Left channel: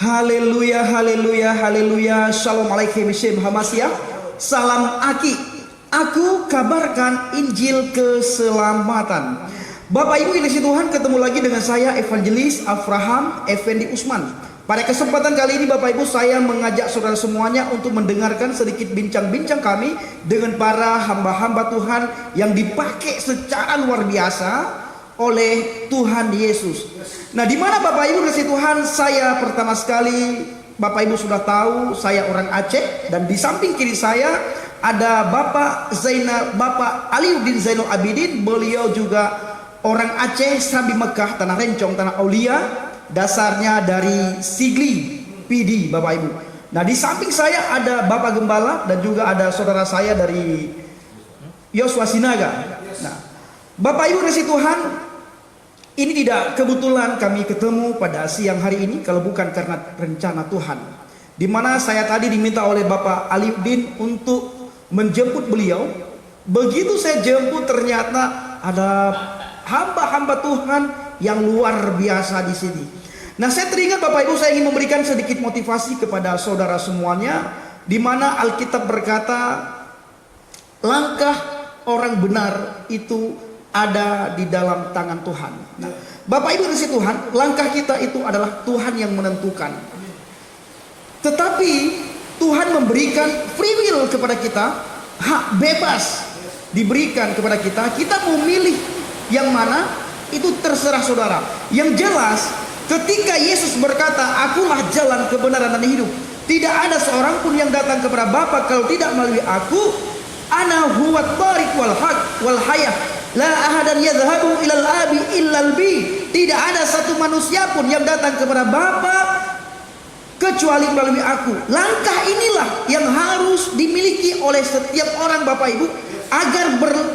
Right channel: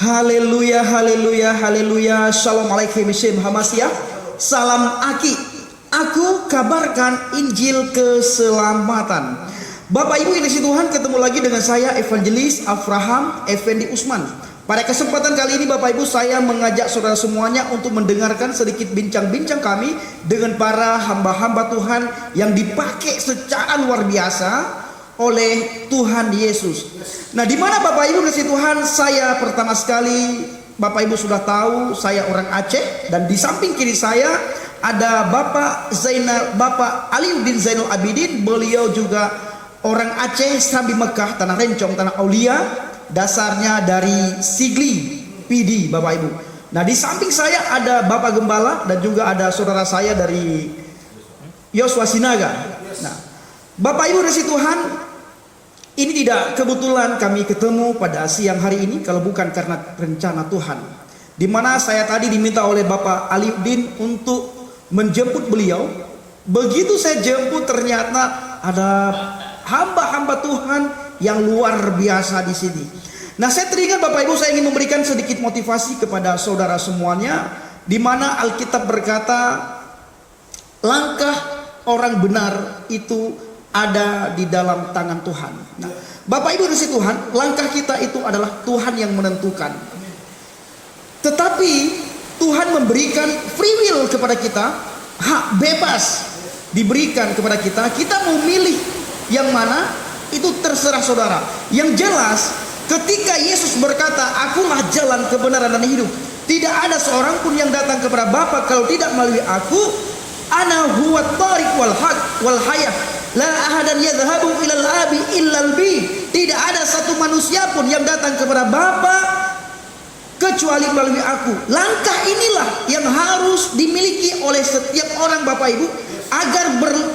Haleluya, haleluya, haleluya. Shalom alaikum, Shem Hamasia. Salam Aki. Aku kabarkan Injil keselamatan. Bapak Ibu yang kasih Tuhan, ketemu lagi dengan saya Evangelis Abraham Effendi Usman. Pada kesempatan kali ini Bapak Ibu, saya mengajak saudara semuanya untuk mendengarkan sedikit bincang-bincang kami dengan para hamba-hamba Tuhan yang dipakai secara luar biasa oleh Tuhan Yesus. Nah, di mana Bapak Ibu kasih Tuhan, saya pertama sekali, Bapak Ibu sudah tahu saya orang Aceh, dan di samping kiri saya ada Bapak Aliuddin Zainul Abidin. Beliau juga orang Aceh, Sabi Mekah, Tanah Rencong, Tanah Aulia, dasarnya dari Sigli PD, Bapak Ibu. Nah, di samping saya ada Bapak Gembala dan juga ada saudara saya dari Yosua Sinaga. Nah, Bapak Ibu kasih Tuhan, ini tidak kebetulan kami ketemu pada siang hari ini kalau bukan karena rencana Tuhan. Di mana saya tadi diminta oleh Bapak Aliuddin untuk menjemput beliau. Begitu saya jemput, ternyata ada hamba-hamba Tuhan yang luar biasa di sini. Nah, saya teringat Bapak Ibu, saya ingin memberikan sedikit motivasi kepada saudara semuanya, di mana Alkitab berkata, langkah orang benar itu ada di dalam tangan Tuhan. Nah, Bapak Ibu kasih Tuhan, langkah kita itu adalah Tuhan yang menentukan. Tetapi Tuhan memberikan free will kepada kita, hak bebas diberikan kepada kita. Kita mau milih yang mana, itu terserah saudara. Yang jelas, ketika Yesus berkata, "Akulah jalan, kebenaran dan hidup. Tidak ada seorang pun yang datang kepada Bapa kalau tidak melalui Aku. Ana huwa thariq wal haq wal hayah. La ahadan yadhhabu ilal abi illal bi." Tidak ada satu manusia pun yang datang kepada Bapa kecuali melalui Aku. Langkah inilah yang harus dimiliki oleh setiap orang Bapak Ibu, agar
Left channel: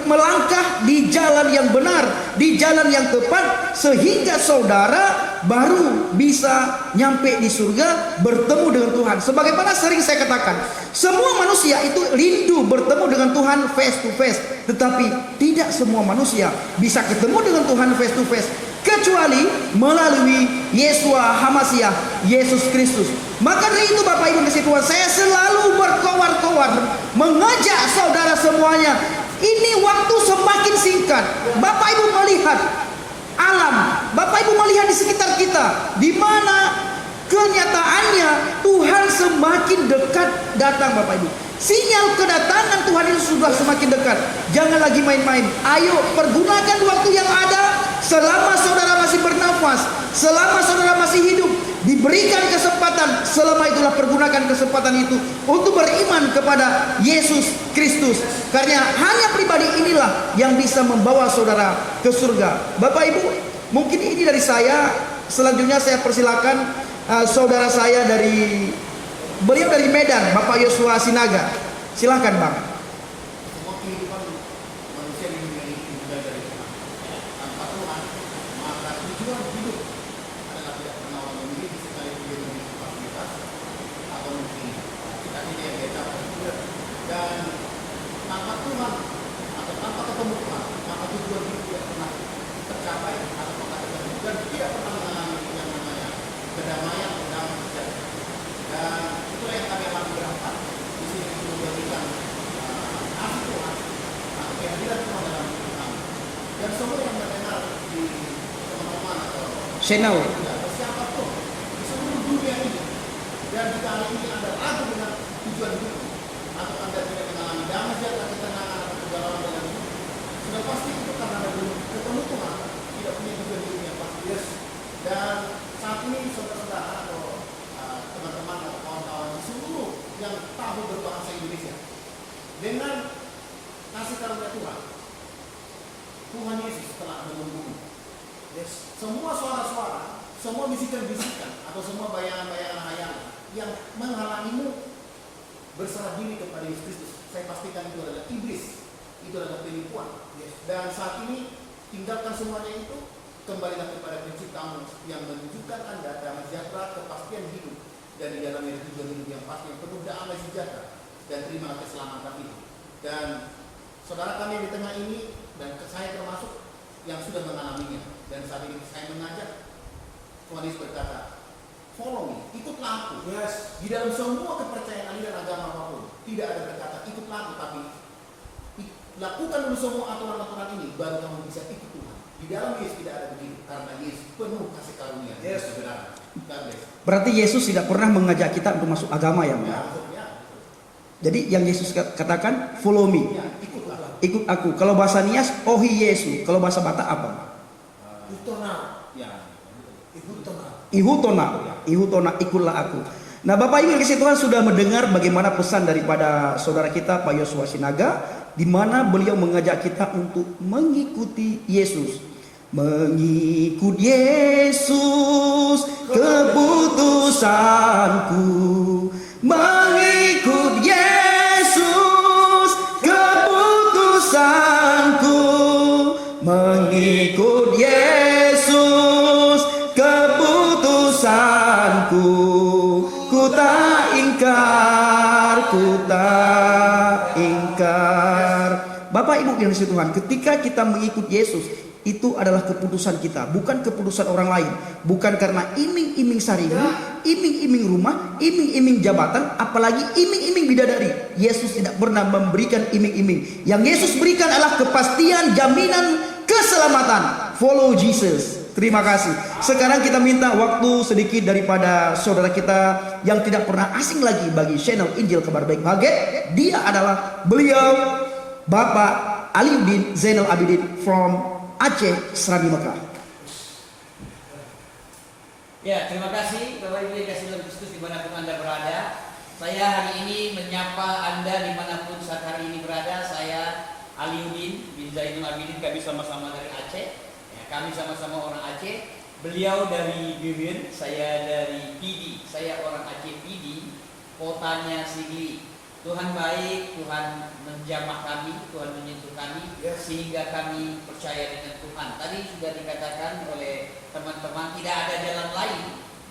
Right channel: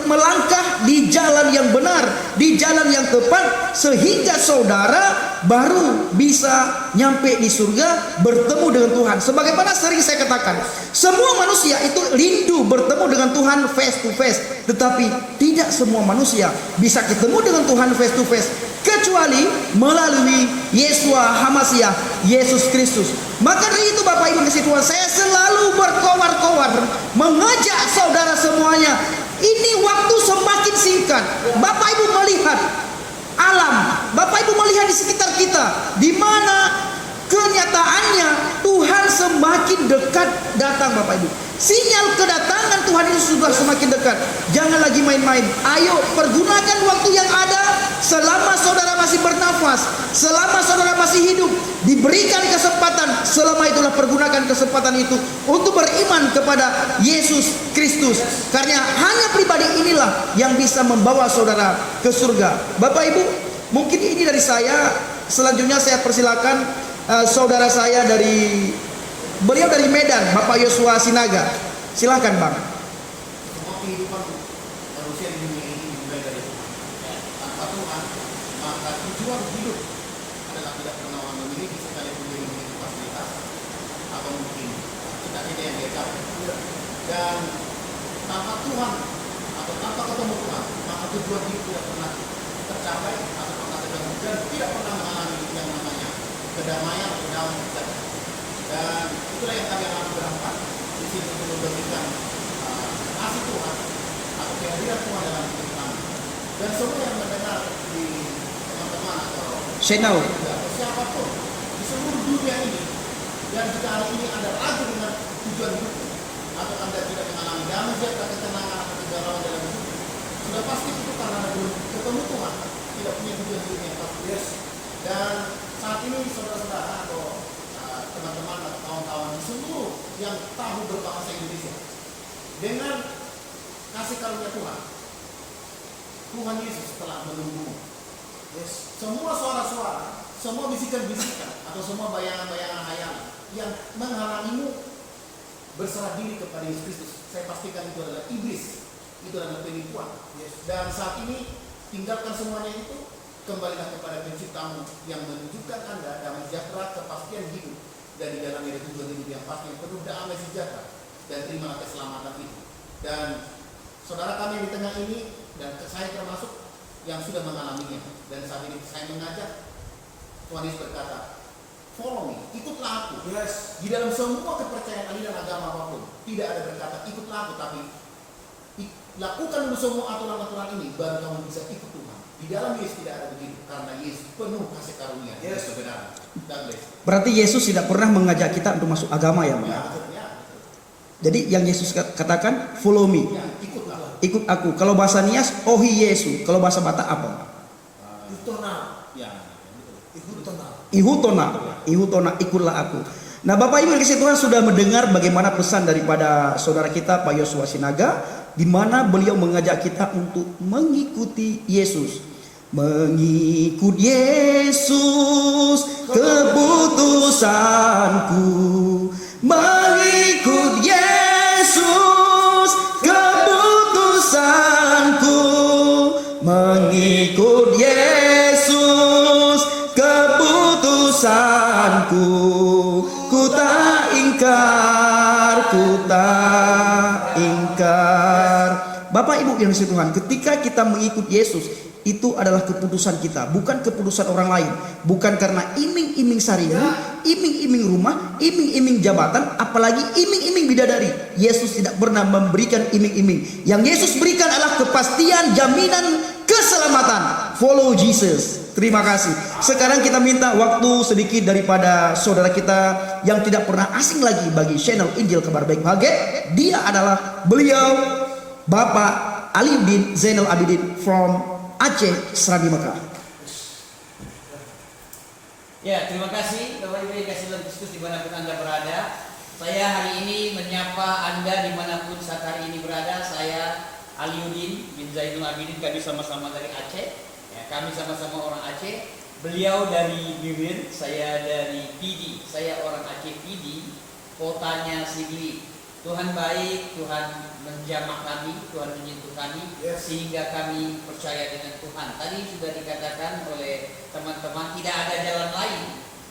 melangkah di jalan yang benar, di jalan yang tepat, sehingga saudara baru bisa nyampe di surga, bertemu dengan Tuhan. Sebagaimana sering saya katakan, semua manusia itu rindu bertemu dengan Tuhan face to face, tetapi tidak semua manusia bisa ketemu dengan Tuhan face to face kecuali melalui Yesua Hamasiah, Yesus Kristus. Maka dari itu Bapak Ibu kasih Tuhan, saya selalu berkoar-koar mengajak saudara semuanya, ini waktu semakin singkat. Bapak Ibu melihat alam, Bapak Ibu melihat di sekitar kita, di mana kenyataannya Tuhan semakin dekat datang Bapak Ibu. Sinyal kedatangan Tuhan itu sudah semakin dekat. Jangan lagi main-main. Ayo pergunakan waktu yang ada selama saudara masih bernafas, selama saudara masih hidup, diberikan kesempatan. Selama itulah pergunakan kesempatan itu untuk beriman kepada Yesus Kristus. Karena hanya pribadi inilah yang bisa membawa saudara ke surga. Bapak Ibu, mungkin ini dari saya. Selanjutnya saya persilakan saudara saya beliau dari Medan, Bapak Yosua Sinaga. Silakan Bang. Semua kehidupan manusia di dunia ini dimulai dari Tuhan. Tanpa Tuhan, maka tujuan hidup adalah tidak pernah memiliki sekalipun dia memiliki fasilitas atau mungkin kita yang dia dapat. Dan tanpa Tuhan atau tanpa ketemu Tuhan, maka tujuan hidup tidak pernah tercapai atau tercapai, dan tidak pernah mengalami yang namanya kedamaian atau damai sejahtera. Dan itulah yang kami akan berharap di sini untuk memberikan kasih Tuhan atau kehadiran Tuhan dalam hidup kami. Dan semua yang mendengar di teman-teman atau channel siapapun di seluruh dunia ini, dan jika hari ini ada ragu dengan tujuan hidup, atau Anda tidak mengalami damai sejahtera, ketenangan atau kegalauan dalam hidup, sudah pasti itu karena Anda belum ketemu Tuhan, tidak punya tujuan hidup yang pasti. Dan saat ini saudara-saudara atau teman-teman atau kawan-kawan di seluruh yang tahu berbahasa Indonesia, dengan kasih karunia Tuhan, Tuhan Yesus telah menunggu. Semua suara-suara, semua bisikan-bisikan atau semua bayangan-bayangan hayalan yang menghalangimu berserah diri kepada Yesus Kristus, saya pastikan itu adalah iblis, itu adalah penipuan. Dan saat ini tinggalkan semuanya itu, kembalilah kepada prinsip kamu yang menunjukkan Anda damai sejahtera, kepastian hidup, dan di dalamnya ada tujuan hidup yang pasti, penuh damai sejahtera, dan terimalah keselamatan itu. Dan saudara kami di tengah ini, dan saya termasuk yang sudah mengalaminya, dan saat ini saya mengajak Tuhan Yesus berkata, follow me, ikutlah aku. Yes. Di dalam semua kepercayaan aliran agama apapun, tidak ada berkata ikutlah aku, tapi lakukan dulu semua aturan-aturan ini, baru kamu bisa ikut Tuhan. Di dalam Yesus tidak ada begitu, karena Yesus penuh kasih karunia, Yes. kebenaran. God bless. Berarti Yesus tidak pernah mengajak kita untuk masuk agama ya. Ya, betul, ya, betul. Jadi yang Yesus katakan, follow me, Ya, ikutlah. ikut aku. Kalau bahasa Nias, ohi Yesu. Kalau bahasa Batak apa? Itona. Ya, Itona. Ihutona, ikutlah aku. Nah, Bapak Ibu yang kasih Tuhan sudah mendengar bagaimana pesan daripada saudara kita Pak Yosua Sinaga, di mana beliau mengajak kita untuk mengikuti Yesus. Mengikut Yesus keputusanku. Mengikut Yesus keputusanku. Mengikut Yesus keputusanku. Ku tak ingkar, ku tak ingkar. Bapak Ibu yang disini Tuhan, ketika kita mengikut Yesus, itu adalah keputusan kita, bukan keputusan orang lain. Bukan karena iming-iming sarina, iming-iming rumah, iming-iming jabatan, apalagi iming-iming bidadari. Yesus tidak pernah memberikan iming-iming. Yang Yesus berikan adalah kepastian, jaminan, keselamatan. Follow Jesus. Terima kasih. Sekarang kita minta waktu sedikit daripada saudara kita yang tidak pernah asing lagi bagi channel Injil Kabar Baik Bahagia. Dia adalah beliau Bapak Aliuddin Zainal Abidin from Aceh, Serabi Mekah. Ya, terima kasih Bapak Ibu yang kasih dalam Kristus dimanapun Anda berada. Saya hari ini menyapa Anda dimanapun saat hari ini berada. Saya Aliuddin bin Zainal Abidin, kami sama-sama dari Aceh. Ya, kami sama-sama orang Aceh. Beliau dari Bibir, saya dari Pidi. Saya orang Aceh Pidi, kotanya Sigli. Tuhan baik, Tuhan menjamah kami, Tuhan menyentuh kami, sehingga kami percaya dengan Tuhan. Tadi sudah dikatakan oleh teman-teman, tidak ada jalan lain,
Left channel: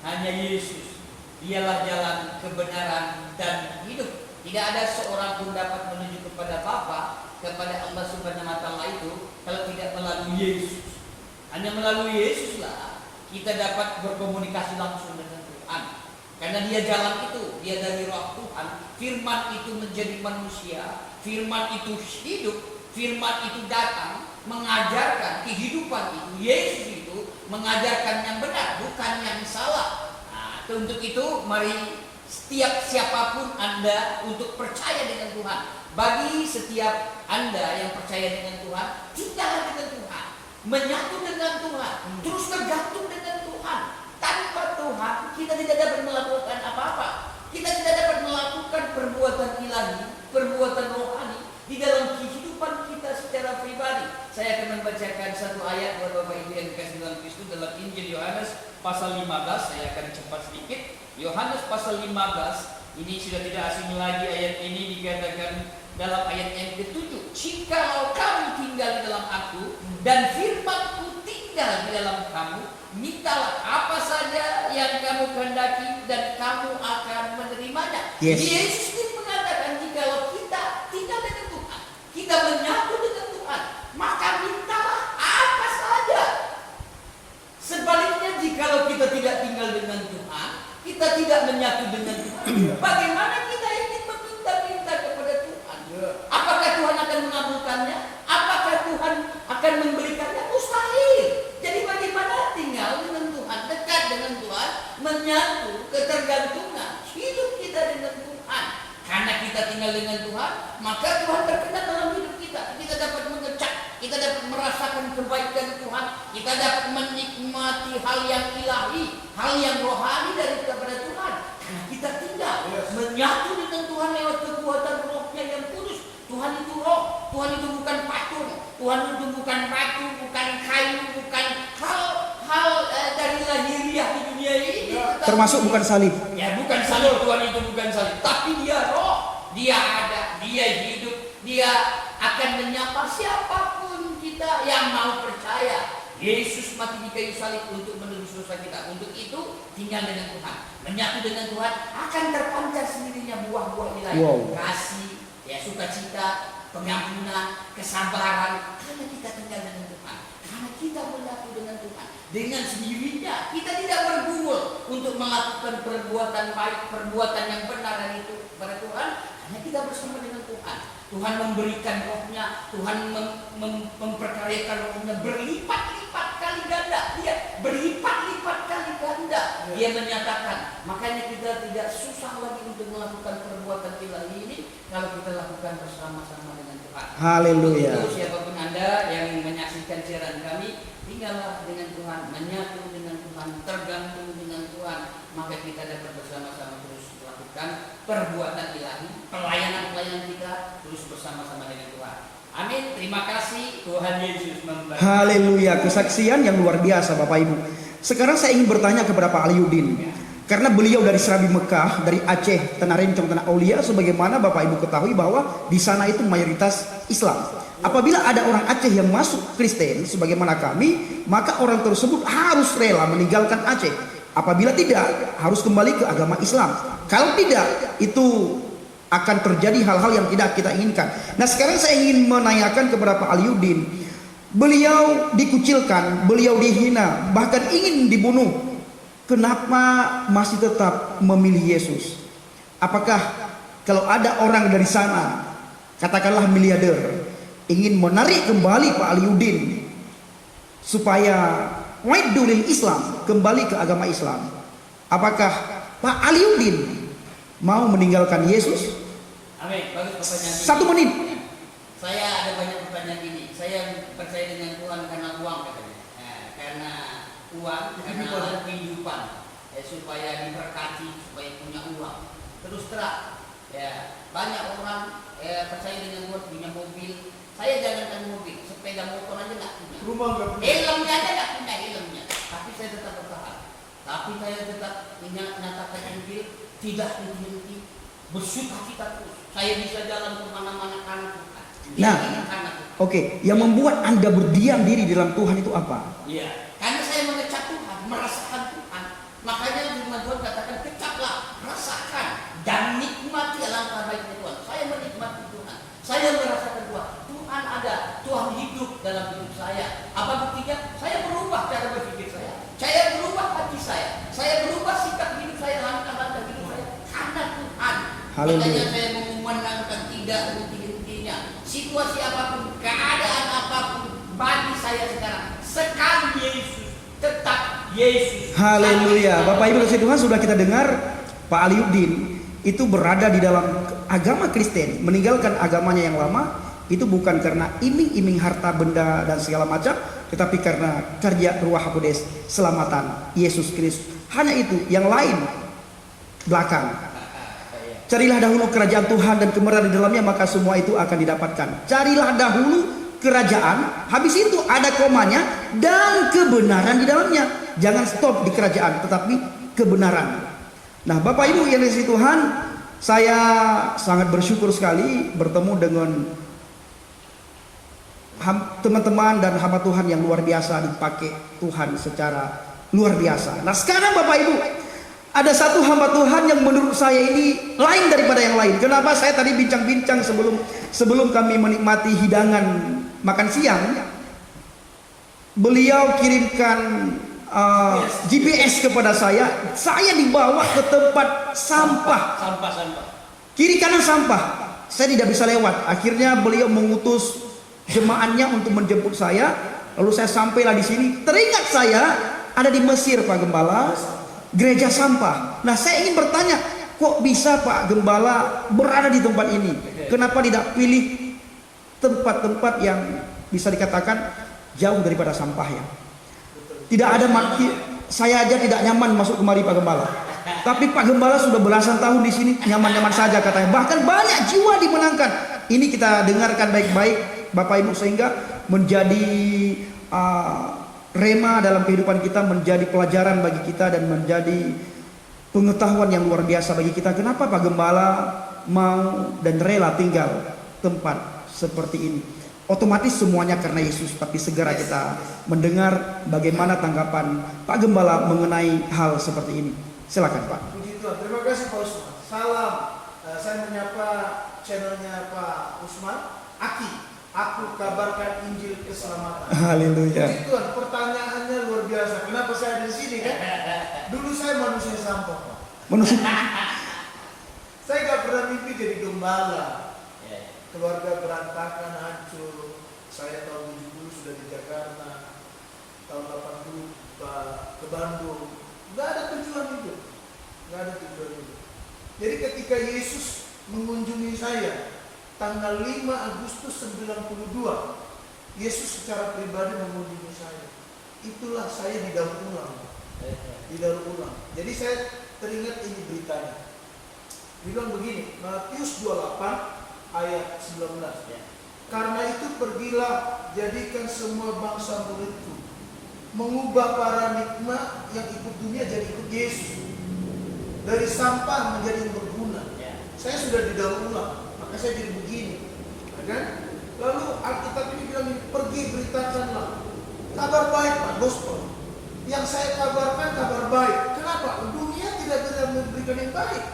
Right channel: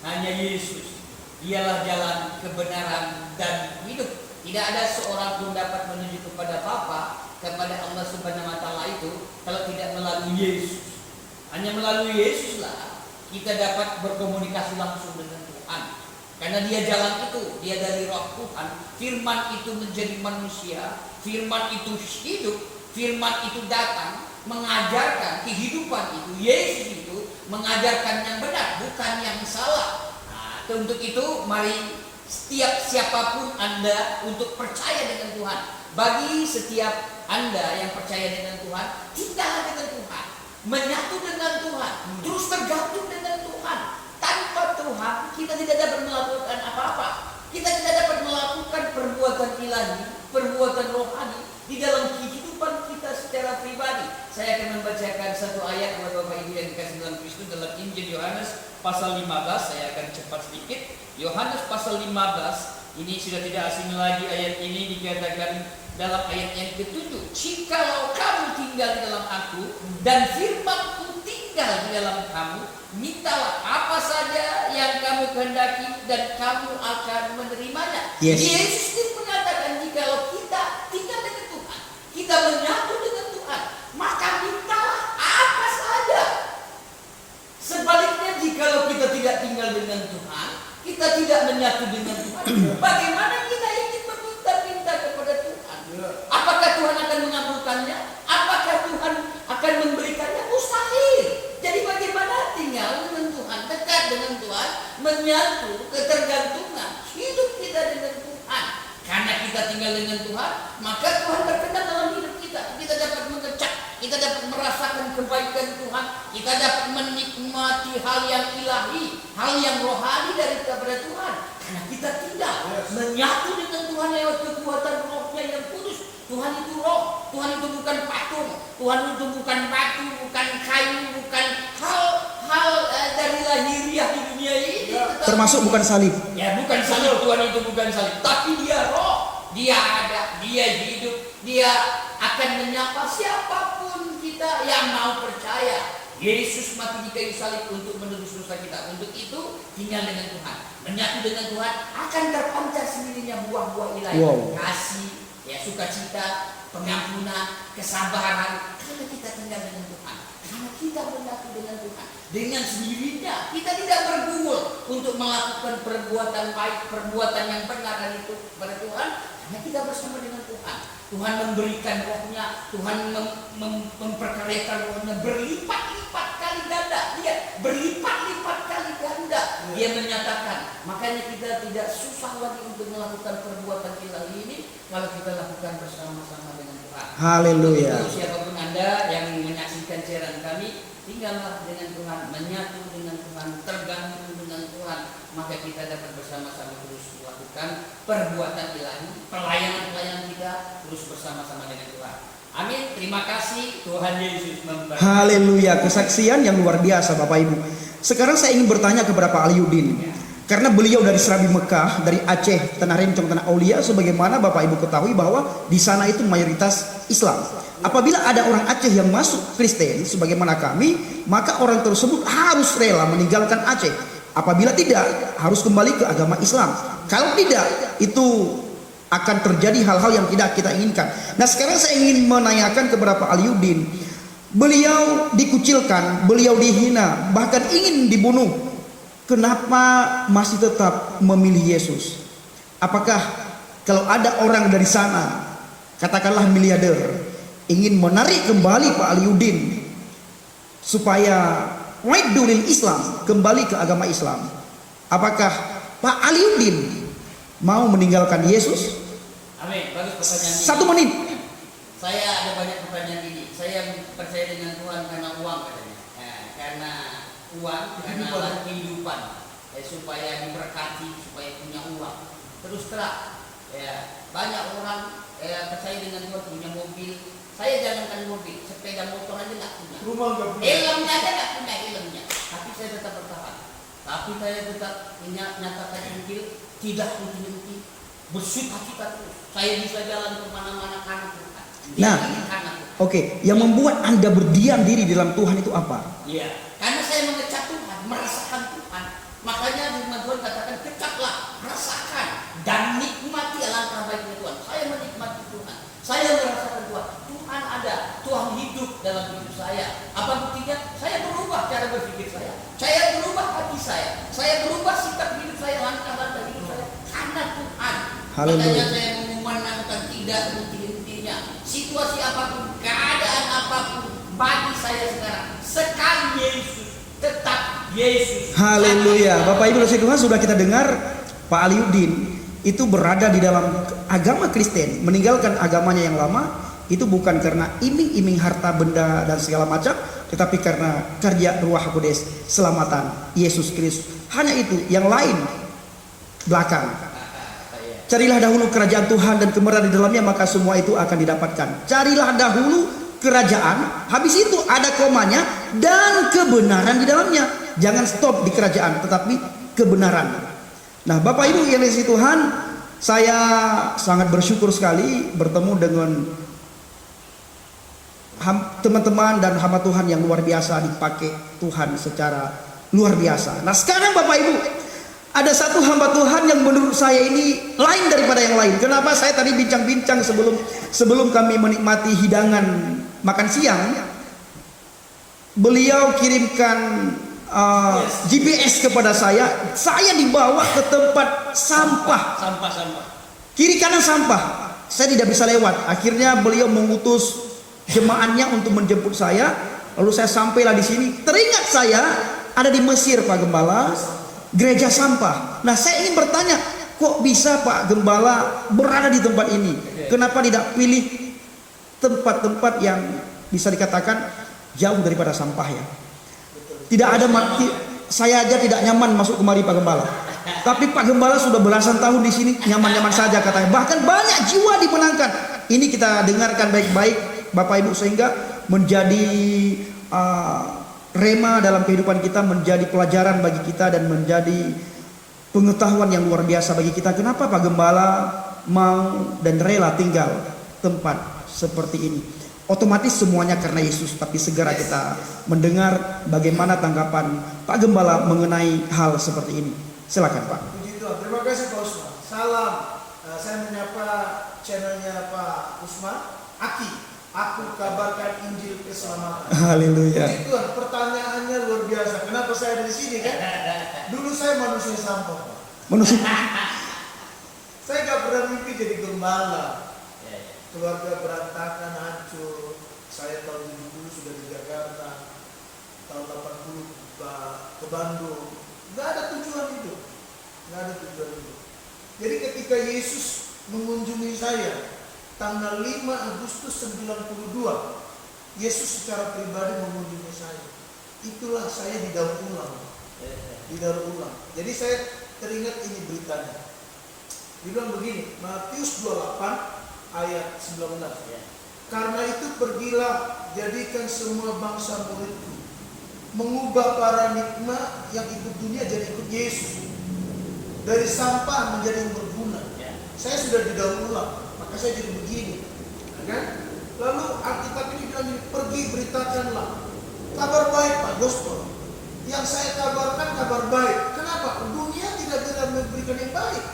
hanya Yesus. Dialah jalan kebenaran dan hidup. Tidak ada seorang pun dapat menuju kepada Bapa, kepada Allah Subhanahu wa Ta'ala itu, kalau tidak melalui Yesus. Hanya melalui Yesuslah kita dapat berkomunikasi langsung dengan Tuhan. Karena dia jalan itu, dia dari roh Tuhan. Firman itu menjadi manusia, firman itu hidup, firman itu datang mengajarkan kehidupan itu. Yesus itu mengajarkan yang benar, bukan yang salah. Nah, untuk itu mari setiap siapapun Anda untuk percaya dengan Tuhan. Bagi setiap Anda yang percaya dengan Tuhan, tinggallah dengan Tuhan, menyatu dengan Tuhan, terus tergantung dengan Tuhan. Tanpa Tuhan kita tidak dapat melakukan apa-apa. Kita tidak dapat melakukan perbuatan ilahi, perbuatan rohani di dalam kehidupan kita secara pribadi. Saya akan membacakan satu ayat buat Bapak Ibu yang dikasih dalam Kristus dalam Injil Yohanes pasal 15. Saya akan cepat sedikit. Yohanes pasal 15 ini sudah tidak asing lagi. Ayat ini dikatakan dalam ayat yang ke-7. Jikalau kamu tinggal di dalam aku dan firman-Ku tinggal di dalam kamu, mintalah apa saja yang kamu kehendaki dan kamu akan menerimanya. Yes. Yesus sendiri mengatakan jikalau kita tinggal dengan Tuhan, kita menyatu dengan Tuhan, maka mintalah apa saja. Sebaliknya jikalau kita tidak tinggal dengan Tuhan, kita tidak menyatu dengan Tuhan, bagaimana kita ingin meminta-minta kepada Tuhan? Apakah Tuhan akan mengabulkannya? Apakah Tuhan akan memberikannya? Mustahil. Jadi bagaimana tinggal dengan Tuhan, dekat dengan Tuhan, menyatu, ketergantungan, hidup kita dengan Tuhan. Karena kita tinggal dengan Tuhan, maka Tuhan berkenan dalam hidup kita. Kita dapat mengecap, kita dapat merasakan kebaikan Tuhan, kita dapat menikmati hal yang ilahi, hal yang rohani dari kepada Tuhan. Karena kita tinggal menyatu dengan Tuhan lewat kekuatan rohnya yang kudus. Tuhan itu roh, Tuhan itu bukan patung, Tuhan itu bukan batu, bukan kayu, bukan hal dari lahiriah di dunia ini. Termasuk bukan salib. Ya, bukan salib. Tuhan itu bukan salib, tapi dia roh, dia ada, dia hidup, dia akan menyapa siapapun kita yang mau percaya. Yesus mati di kayu salib untuk menebus dosa kita. Untuk itu tinggal dengan Tuhan, menyatu dengan Tuhan, akan terpancar sendirinya buah-buah ilahi. Kasih, ya, sukacita, pengampunan, kesabaran, karena kita tinggal dengan Tuhan. Karena kita menyatu dengan Tuhan. Dengan sendirinya kita tidak bergumul untuk melakukan perbuatan baik, perbuatan yang benar dan itu kepada Tuhan. Karena kita bersama dengan Tuhan. Tuhan memberikan rohnya, Tuhan memperkaryakan rohnya berlipat-lipat kali ganda. Dia berlipat-lipat kali ganda. Dia menyatakan, makanya kita tidak susah lagi untuk melakukan perbuatan ilahi ini kalau kita lakukan bersama-sama dengan Tuhan. Haleluya. Itu siapapun Anda yang menyaksikan siaran kami, tinggallah dengan Tuhan, menyatu dengan Tuhan, tergantung dengan Tuhan, maka kita dapat bersama-sama terus melakukan perbuatan ilahi, pelayanan kita terus bersama-sama dengan Tuhan. Amin. Terima kasih. Tuhan Yesus memberkati. Haleluya, kesaksian yang luar biasa Bapak Ibu. Sekarang saya ingin bertanya kepada Pak Aliudin. Karena beliau dari Serabi Mekah, dari Aceh, Tanah Rencong, Tanah Aulia, sebagaimana Bapak Ibu ketahui bahwa di sana itu mayoritas Islam. Apabila ada orang Aceh yang masuk Kristen sebagaimana kami, maka orang tersebut harus rela meninggalkan Aceh. Apabila tidak, harus kembali ke agama Islam. Kalau tidak, itu akan terjadi hal-hal yang tidak kita inginkan. Nah, sekarang saya ingin menanyakan kepada Pak Aliudin. Beliau dikucilkan, beliau dihina, bahkan ingin dibunuh. Kenapa masih tetap memilih Yesus? Apakah kalau ada orang dari sana, katakanlah miliarder, ingin menarik kembali Pak Aliudin supaya waidulil Islam, kembali ke agama Islam, apakah Pak Aliudin mau meninggalkan Yesus? Amin. Bagus pertanyaan ini. 1 menit. Saya ada banyak pertanyaan ini. Saya percaya dengan Tuhan karena uang katanya. Karena uang, karena kehidupan. Supaya diberkati, supaya punya uang. Terus terang, banyak orang percaya dengan Tuhan, punya mobil. Saya jangankan mobil, sepeda motor aja nggak punya. Rumah nggak punya. Helmnya aja nggak punya helmnya. Tapi saya tetap bertahan. Tapi saya tetap menyatakan Injil, tidak henti-henti, bersukacita terus. Saya bisa jalan kemana-mana karena Tuhan. Nah, karena Tuhan. Oke, yang membuat Anda berdiam diri dalam Tuhan itu apa? Iya, karena saya mengecap Tuhan, merasakan Tuhan. Makanya firman Tuhan katakan, kecaplah, rasakan dan nikmati alangkah baiknya Tuhan. Saya menikmati Tuhan. Saya merasakan Tuhan. Tuhan ada, Tuhan hidup dalam hidup saya. Apa buktinya? Saya berubah cara berpikir saya. Saya berubah hati saya berubah sikap hidup saya, langkah-langkah hidup saya karena Tuhan. Haleluya. Makanya saya memandangkan tidak henti-hentinya situasi apapun, keadaan apapun bagi saya sekarang. Sekali Yesus, tetap Yesus. Haleluya. Bapak Ibu kasih Tuhan, sudah kita dengar Pak Aliudin itu berada di dalam agama Kristen, meninggalkan agamanya yang lama. Itu bukan karena iming-iming harta benda dan segala macam, tetapi karena kerja Ruah Kudus, selamatan Yesus Kristus. Hanya itu, yang lain belakang. Carilah dahulu kerajaan Tuhan dan kebenaran di dalamnya, maka semua itu akan didapatkan. Carilah dahulu kerajaan, habis itu ada komanya, dan kebenaran di dalamnya. Jangan stop di kerajaan, tetapi kebenaran. Nah, Bapak Ibu yang dikasihi Tuhan, saya sangat bersyukur sekali bertemu dengan teman-teman dan hamba Tuhan yang luar biasa, dipakai Tuhan secara luar biasa. Nah, sekarang Bapak Ibu, ada satu hamba Tuhan yang menurut saya ini lain daripada yang lain. Kenapa? Saya tadi bincang-bincang sebelum kami menikmati hidangan makan siang, beliau kirimkan GPS kepada saya dibawa ke tempat sampah. Kiri kanan sampah. Saya tidak bisa lewat. Akhirnya beliau mengutus jemaatnya untuk menjemput saya. Lalu saya sampailah di sini. Teringat saya ada di Mesir, Pak Gembala, gereja sampah. Nah, saya ingin bertanya, kok bisa Pak Gembala berada di tempat ini? Kenapa tidak pilih tempat-tempat yang bisa dikatakan jauh daripada sampah ya? Tidak ada saya aja tidak nyaman masuk kemari Pak Gembala. Tapi Pak Gembala sudah belasan tahun di sini nyaman-nyaman saja katanya. Bahkan banyak jiwa dimenangkan. Ini kita dengarkan baik-baik Bapak Ibu, sehingga menjadi rema dalam kehidupan kita, menjadi pelajaran bagi kita dan menjadi pengetahuan yang luar biasa bagi kita. Kenapa Pak Gembala mau dan rela tinggal tempat seperti ini? Otomatis semuanya karena Yesus, tapi segera kita mendengar bagaimana tanggapan Pak Gembala mengenai hal seperti ini. Silakan Pak. Puji Tuhan. Terima kasih Pak Usman. Salam. Saya menyapa channelnya Pak Usman, Aki. Aku kabarkan Injil keselamatan. Haleluya. Puji Tuhan, pertanyaannya luar biasa. Kenapa saya ada di sini kan? Dulu saya manusia sampah, Pak. Manusia. Saya gak pernah mimpi jadi gembala. Ya, ya. Keluarga berantakan, hancur. Saya tahun 70 sudah di Jakarta. Tahun 80 ke Bandung. Gak ada tujuan hidup. Gak ada tujuan hidup. Jadi ketika Yesus mengunjungi saya tanggal 5 Agustus 92, Yesus secara pribadi mengunjungi saya. Itulah saya didaur ulang. Didaur ulang. Jadi saya teringat ini beritanya. Dia bilang begini, Matius 28 ayat 19. Ya. Karena itu pergilah, jadikan semua bangsa muridku, mengubah paradigma yang ikut dunia jadi ikut Yesus, dari sampah menjadi yang berguna. Ya. Saya sudah didaur ulang, maka saya jadi begini, ya kan? Lalu Alkitab ini bilang ini, pergi beritakanlah kabar baik, Pak, gospel. Yang saya kabarkan kabar baik. Kenapa? Dunia tidak bisa memberikan yang baik.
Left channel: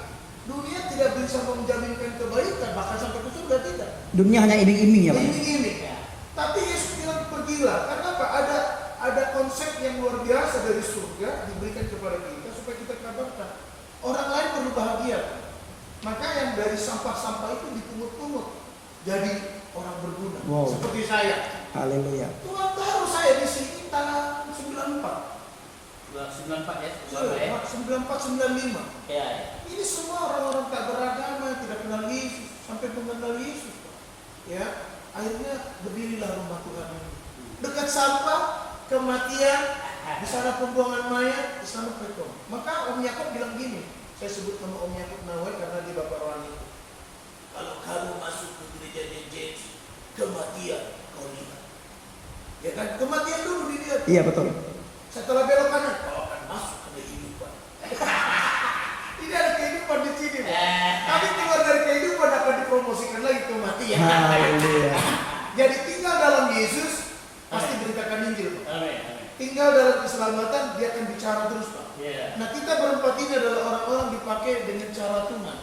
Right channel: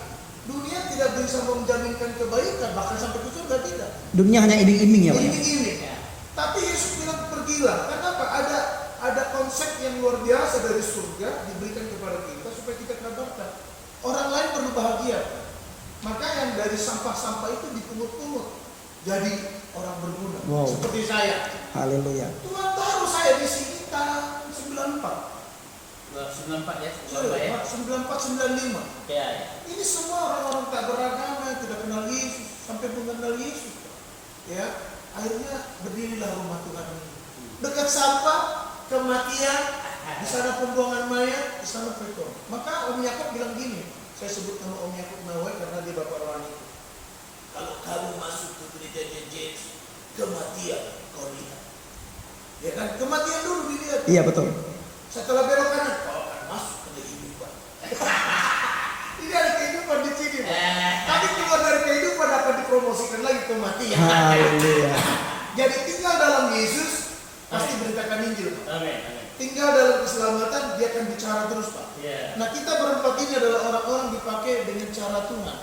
Dunia tidak bisa menjaminkan kebaikan, bahkan sampai ke surga tidak. Dunia hanya iming-iming ya, Pak. Iming-iming. Ya. Tapi Yesus bilang pergilah. Kenapa? Ada konsep yang luar biasa dari surga diberikan kepada kita supaya kita kabarkan. Orang lain perlu bahagia. Maka yang dari sampah-sampah itu dipungut-pungut jadi orang berguna. Wow. Seperti saya. Haleluya. Tuhan tahu saya di sini tahun 94. 94 ya, berapa ya? 94-95. Ya, ya. Ini semua orang-orang tak beragama, tidak kenal Yesus, sampai mengenal Yesus. Ya, akhirnya berdirilah rumah Tuhan ini. Dekat sampah, kematian, di sana pembuangan mayat, di sana perikop. Maka Om Yakub bilang gini, saya sebut nama Om Yakub Nawai karena dia bapak orang itu. Kalau kamu masuk ke gerejanya Yesus, kematian kau lihat. Ya kan, kematian dulu dilihat. Iya betul. Setelah belok kanan, kau akan masuk ke kehidupan. Ini ada kehidupan di sini, Pak. Tapi keluar dari kehidupan dapat dipromosikan lagi kematian. Haleluya. Jadi tinggal dalam Yesus pasti beritakan Injil, Pak. Amin, amin. Tinggal dalam keselamatan dia akan bicara terus, Pak. Ya. Nah kita berempat ini adalah orang-orang dipakai dengan cara Tuhan.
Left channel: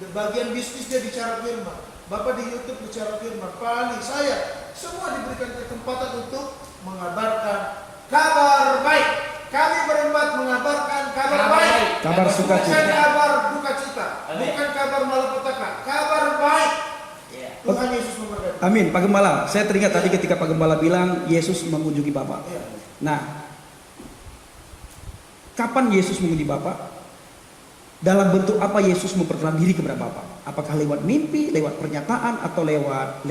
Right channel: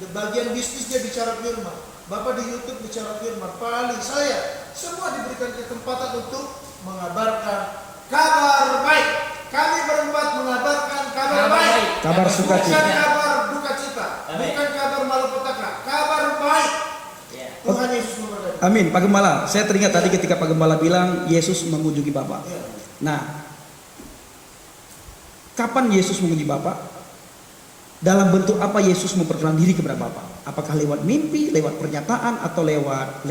Di bagian bisnis dia bicara firman. Bapak di YouTube bicara firman. Pak Ali, saya semua diberikan kesempatan untuk mengabarkan kabar baik. Kami berempat mengabarkan kabar baik. Kabar sukacita. Bukan kabar duka cita. Amin. Bukan kabar malapetaka. Kabar baik. Ya. Tuhan Yesus memberkati. Amin. Pak Gembala, saya teringat tadi ketika Pak Gembala bilang Yesus mengunjungi Bapak. Ya. Nah, kapan Yesus mengunjungi Bapak? Dalam bentuk apa Yesus memperkenalkan diri kepada Bapak? Apakah lewat mimpi, lewat pernyataan, atau lewat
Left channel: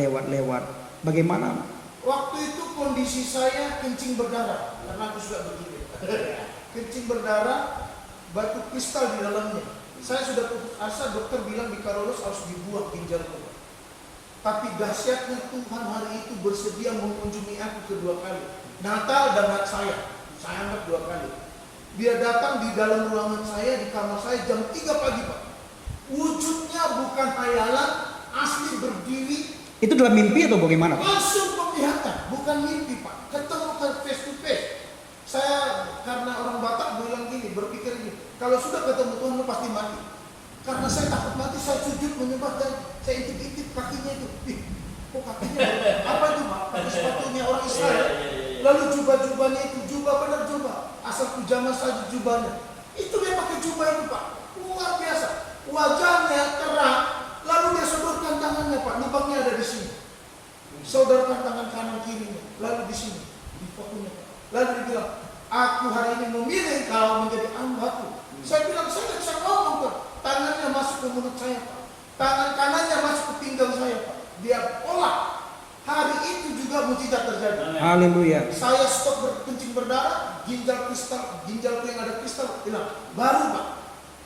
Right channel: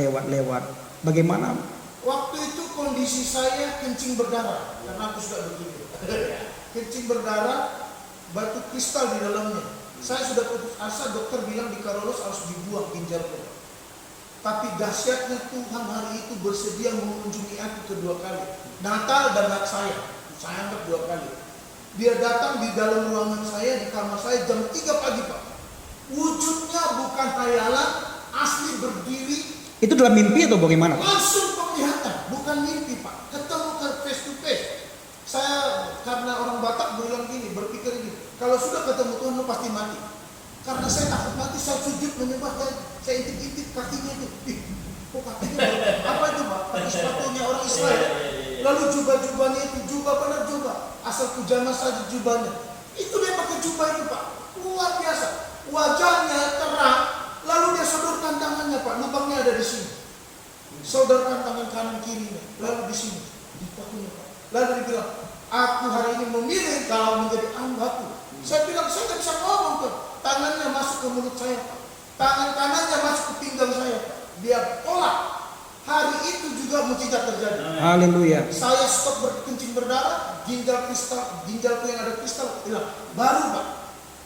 bagaimana? Waktu itu kondisi saya kencing berdarah karena aku suka begitu. Kencing berdarah, batu kristal di dalamnya. Saya sudah putus asa, dokter bilang di Karolus harus dibuang ginjalnya. Tapi dahsyatnya Tuhan hari itu bersedia mengunjungi aku kedua kali. Natal dan Natal saya anggap 2 kali. Dia datang di dalam ruangan saya, di kamar saya jam 3 pagi, Pak. Wujudnya bukan khayalan, asli berdiri. Itu dalam mimpi atau bagaimana? Langsung penglihatan, bukan mimpi, Pak. Ketemu face to face. Saya karena orang Batak bilang gini, berpikir gini, kalau sudah ketemu Tuhan lu pasti mati. Karena saya takut mati, saya sujud menyembah, saya intip-intip kakinya itu. Ih, kok kakinya apa itu, Pak? Pakai sepatunya orang Israel. Lalu jubah-jubahnya itu, jubah benar jubah. Asal pujama saja jubahnya. Itu dia pakai jubah itu, Pak. Luar biasa. Wajahnya terang, lalu dia sodorkan tangannya, Pak. Lubangnya ada di sini. Sodorkan tangan kanan kirinya, lalu di sini, di pakunya, Pak. Lalu dia bilang, aku hari ini memilih kau menjadi hambaku. Saya bilang, saya tidak bisa ngomong, Pak. Tangannya masuk ke mulut saya, Pak. Tangan kanannya masuk ke pinggang saya, Pak. Dia olah. Hari itu juga mujizat terjadi. Haleluya. Saya stop berkencing berdarah, ginjalku yang ada kristal hilang. Baru, Pak.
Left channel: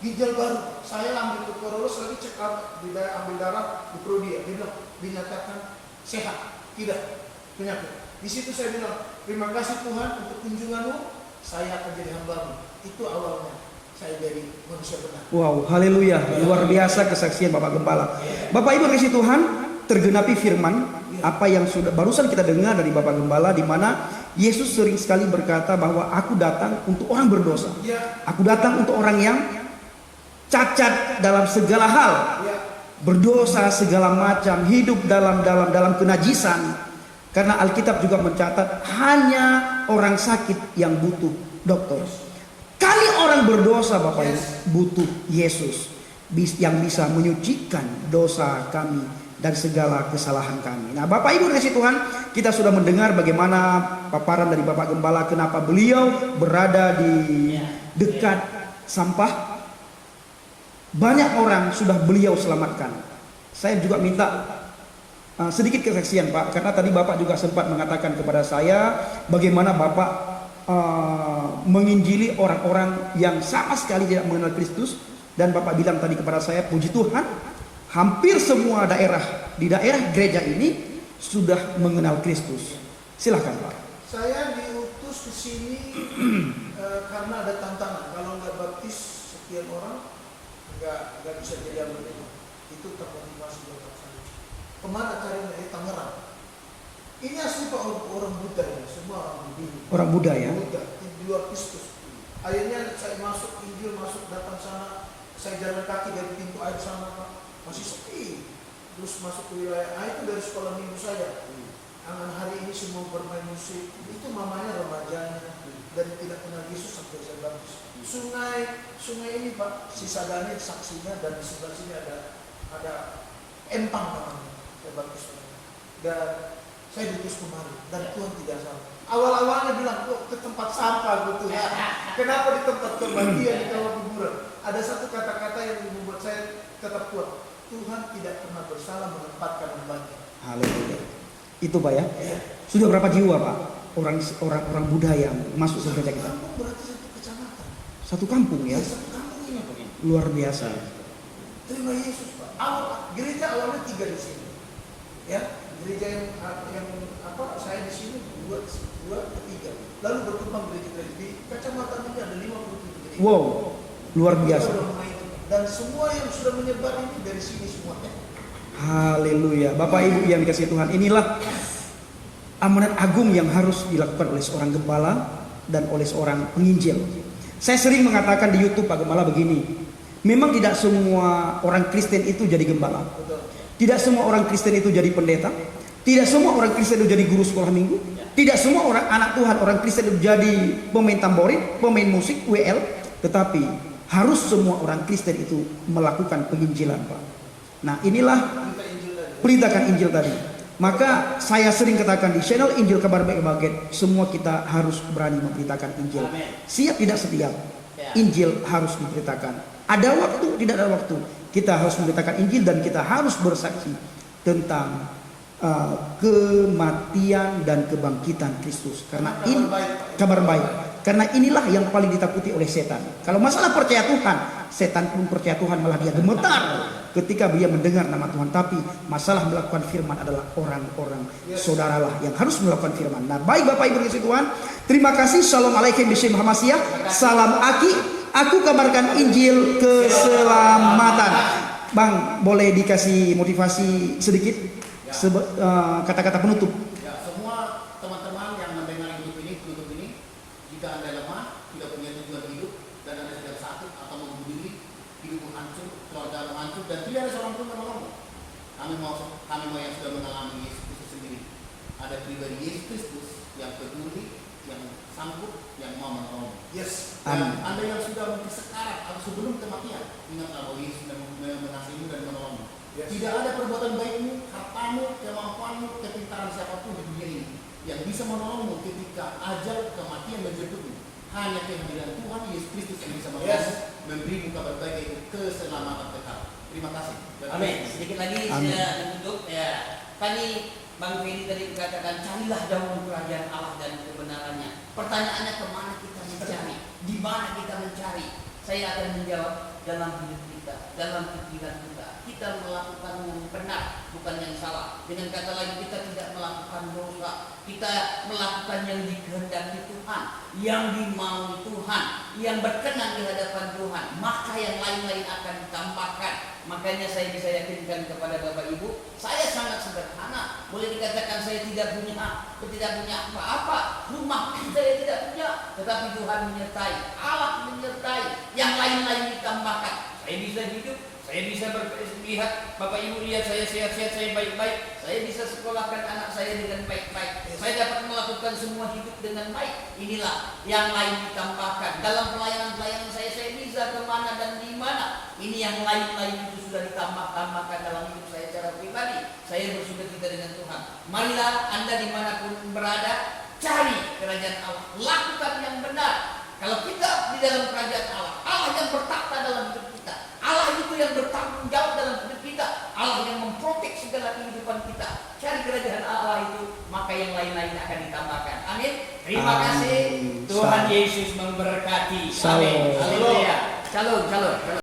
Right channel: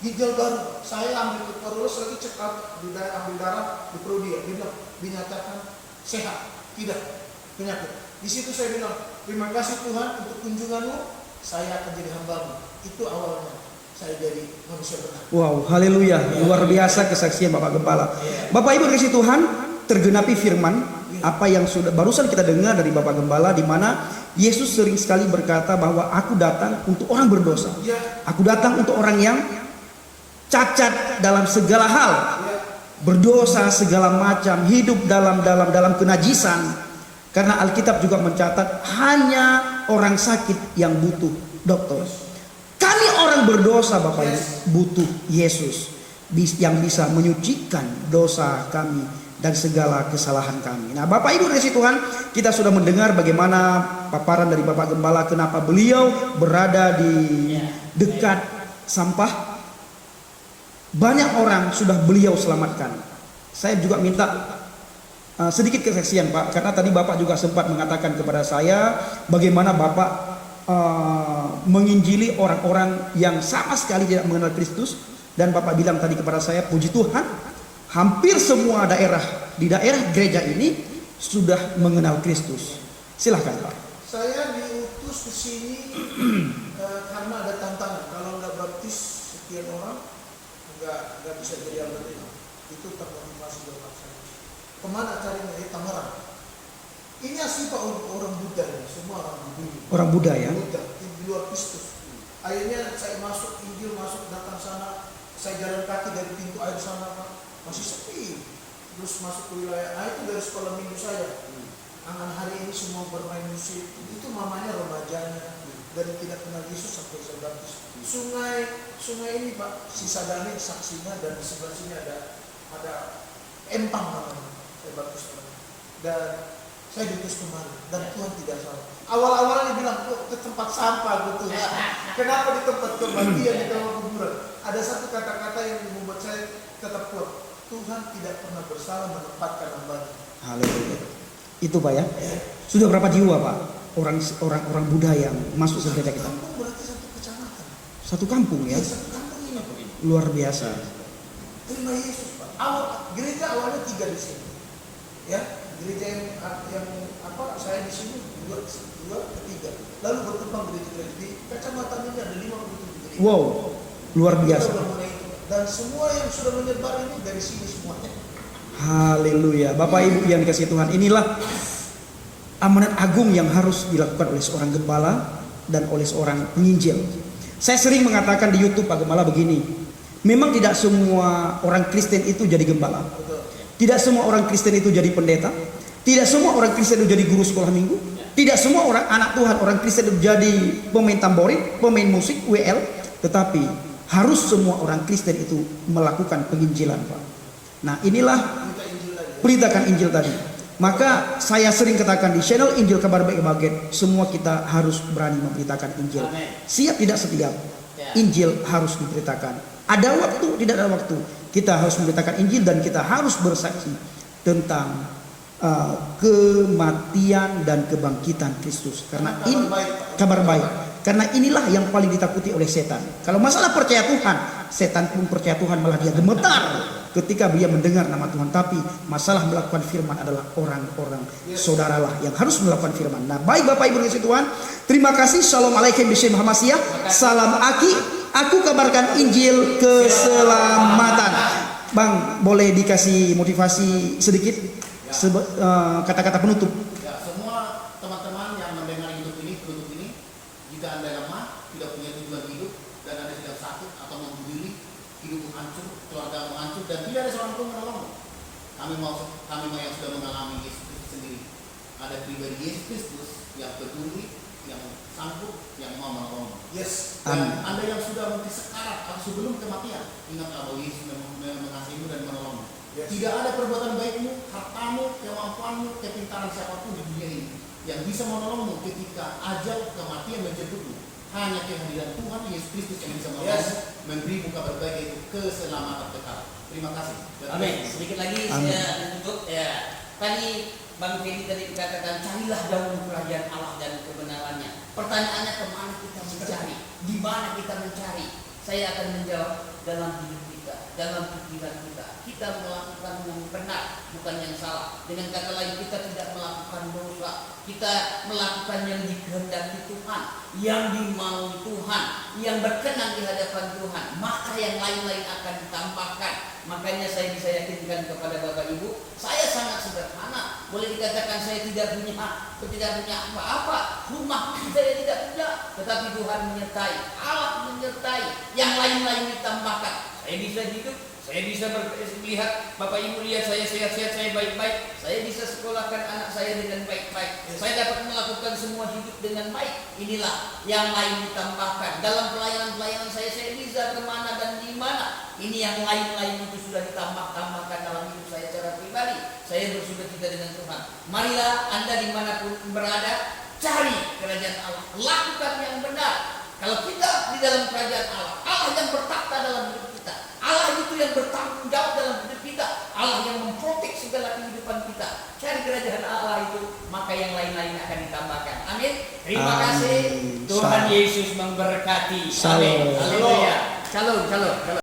Ginjal baru. Saya ambil ke Karolus lagi check up, ambil darah di Prodia. Dia bilang, dinyatakan sehat, tidak penyakit. Di situ saya bilang, terima kasih Tuhan untuk kunjunganmu. Saya akan jadi hambamu. Itu awalnya saya jadi manusia benar. Wow, haleluya. Luar biasa kesaksian Bapak Gembala. Bapak Ibu kasih Tuhan, tergenapi firman apa yang sudah barusan kita dengar dari Bapak Gembala, di mana Yesus sering sekali berkata bahwa aku datang untuk orang berdosa. Ya, Aku datang untuk orang yang cacat dalam segala hal. ya. berdosa segala macam, hidup dalam kenajisan. Karena Alkitab juga mencatat hanya orang sakit yang butuh dokter. Kami orang berdosa Bapak Ibu butuh Yesus yang bisa menyucikan dosa kami dan segala kesalahan kami. Nah, Bapak Ibu kasih Tuhan, kita sudah mendengar bagaimana paparan dari Bapak Gembala kenapa beliau berada di dekat sampah. Banyak orang sudah beliau selamatkan. Saya juga minta sedikit kesaksian Pak, karena tadi Bapak juga sempat mengatakan kepada saya bagaimana Bapak menginjili orang-orang yang sama sekali tidak mengenal Kristus. Dan Bapak bilang tadi kepada saya, puji Tuhan, hampir semua di daerah gereja ini sudah mengenal Kristus. Silakan Pak. Saya diutus ke sini karena ada tantangan. Kalau nggak baptis sekian orang, nggak bisa jadi anggota. Itu termotivasi buat saya. Kemana carinya? Tangerang. Ini asli Pak, orang Buddha ini, semua orang Buddha. Orang Buddha ya. Buddha di luar Kristus. Akhirnya saya masuk Injil, datang sana, saya jalan kaki dari pintu air sana Pak, masih sepi. Terus masuk ke wilayah, itu dari sekolah minggu saya. Angan hari ini semua bermain musik. Itu mamanya remajanya dari tidak kenal Yesus sampai saya baptis. Sungai ini Pak, sisa Dani saksinya, dan di sebelah sini ada empang namanya. Saya baptis orang. Dan saya diutus kemari dan Tuhan tidak salah. Awal-awalnya bilang kok ke tempat sampah gitu. Kenapa di tempat kematian, di tempat kuburan? Ada satu kata-kata yang membuat saya tetap kuat. Tuhan tidak pernah bersalah menempatkan hambanya. Haleluya. Itu Pak ya. Sudah berapa jiwa Pak orang Buddha yang masuk ke gereja kita? Kampung berarti satu kecamatan. Satu kampung ya. Satu kampung ini Pak. Luar biasa. Terima Yesus Pak. Gereja awalnya 3 di sini. Ya, gereja yang saya di sini 2 3. Lalu berkembang gereja-gereja di kecamatan ini ada 57 gereja. Wow, luar biasa. Kita udah mulai itu. Dan semua yang sudah menyebar ini dari sini semuanya. Haleluya. Bapak Ibu yang dikasihi Tuhan, inilah amanat agung yang harus dilakukan oleh seorang gembala dan oleh seorang penginjil. Saya sering mengatakan di YouTube Pak Gembala begini, memang tidak semua orang Kristen itu jadi gembala. Betul. Tidak semua orang Kristen itu jadi pendeta. Tidak semua orang Kristen itu jadi guru sekolah minggu. Tidak semua orang anak Tuhan, orang Kristen itu jadi pemain tamborin, pemain musik, WL. Tetapi harus semua orang Kristen itu melakukan penginjilan Pak. Nah inilah perintahkan Injil tadi. Maka saya sering katakan di channel Injil Kabar Baik Baget, semua kita harus berani memberitakan Injil. Amen. Siap tidak setiap, Injil harus diberitakan. Ada waktu, tidak ada waktu, kita harus memberitakan Injil dan kita harus bersaksi tentang kematian dan kebangkitan Kristus. Karena ini kabar baik. Karena inilah yang paling ditakuti oleh setan. Kalau masalah percaya Tuhan, setan pun percaya Tuhan malah dia gemetar ketika dia mendengar nama Tuhan. Tapi masalah melakukan firman adalah orang-orang saudaralah yang harus melakukan firman. Nah, baik Bapak Ibu dikasihi Tuhan, terima kasih. Shalom alaikum Bismillah Muhammadiyah. Salam Aki. Aku kabarkan Injil keselamatan. Bang, boleh dikasih motivasi sedikit? Kata-kata penutup. Ya, semua teman-teman yang mendengar hidup ini, jika Anda lemah, tidak punya tujuan hidup, dan Anda tidak sakit atau membunuh diri, hidupmu hancur, keluarga hancur, dan tidak ada seorang pun menolongmu. Kami mau yang sudah mengalami Yesus Kristus sendiri. Ada pribadi Yesus Kristus yang peduli, yang sanggup, yang mau menolong. Yes. Dan Anda yang sudah mungkin sekarat atau sebelum kematian, ingatlah bahwa Yesus mengasihimu dan menolongmu. Yes. Tidak ada perbuatan baikmu, hartamu, kemampuanmu, kepintaran siapapun di dunia ini yang bisa menolongmu ketika ajal kematian menjemputmu. Hanya kehadiran Tuhan Yesus Kristus yang bisa menolongmu, memberi kabar baik itu keselamatan kekal. Terima kasih. Amin. Sedikit lagi saya tutup ya. Tadi Bang Fedi tadi katakan carilah dahulu kerajaan Allah dan kebenarannya. Pertanyaannya kemana kita mencari? Di mana kita mencari? Saya akan menjawab dalam hidup kita, dalam pikiran kita. Kita melakukan yang benar, bukan yang salah. Dengan kata lain, kita tidak melakukan dosa. Kita melakukan yang dikehendaki Tuhan, yang dimaui Tuhan, yang berkenan di hadapan Tuhan. Maka yang lain-lain akan ditambahkan. Makanya saya bisa yakinkan kepada Bapak Ibu, saya sangat sederhana. Boleh dikatakan saya tidak punya apa-apa, rumah saya tidak punya, tetapi Tuhan menyertai, Allah menyertai, yang lain-lain ditambahkan. Saya bisa hidup Saya bisa melihat Bapak Ibu lihat saya sehat-sehat, saya baik-baik. Saya bisa sekolahkan anak saya dengan baik-baik. Saya dapat melakukan semua hidup dengan baik. Inilah yang lain ditambahkan. Dalam pelayanan saya bisa kemana dan di mana. Ini yang lain-lain itu sudah ditambahkan dalam hidup saya secara pribadi. Saya bersukacita dengan Tuhan. Marilah Anda dimanapun berada, cari kerajaan Allah. Lakukan yang benar. Kalau kita di dalam kerajaan Allah, Allah yang bertakhta dalam hidup kita, Allah itu yang bertanggung jawab dalam hidup kita, Allah yang memprotek segala kehidupan kita. Cari kerajaan Allah itu, maka yang lain-lain akan ditambahkan. Amin. Terima kasih. Tuhan Yesus memberkati. Amin. Haleluya. Shalom.